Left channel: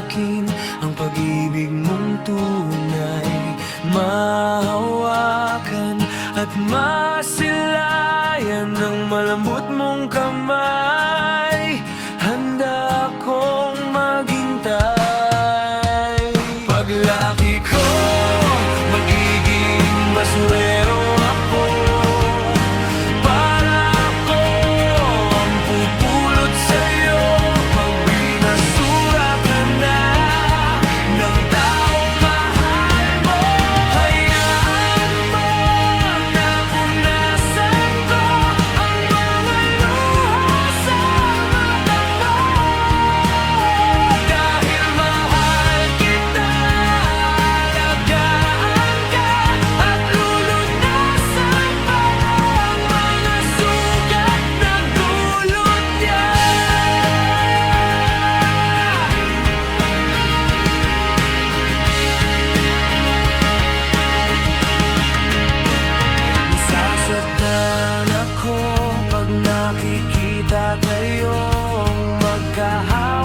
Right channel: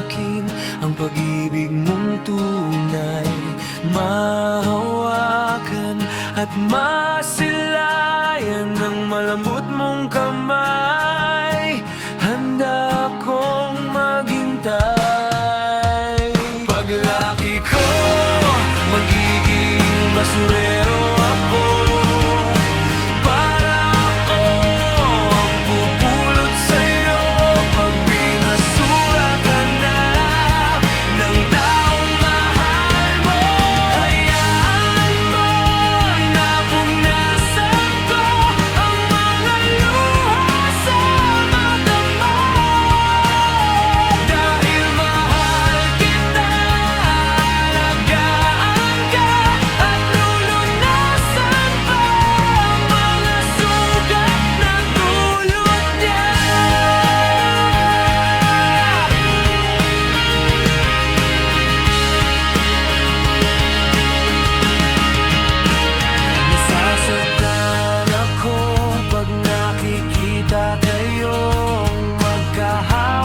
akin ang pag-ibig mong tunay, mahawakan at masilayan ng malambot mong kamay. Handa akong maghintay. Paglaki ko, magiging basurero ako. Para ako ang pupulot sa'yo pag binasura ka na ng taong mahal mo. Hayaan mo na punasan ko ang mga luha sa mata mo. Dahil mahal kita, alagaan ka at lulunasan pa ang mga sugat na dulot niya. Nasasaktan ako pag nakikita kayong magkahawak.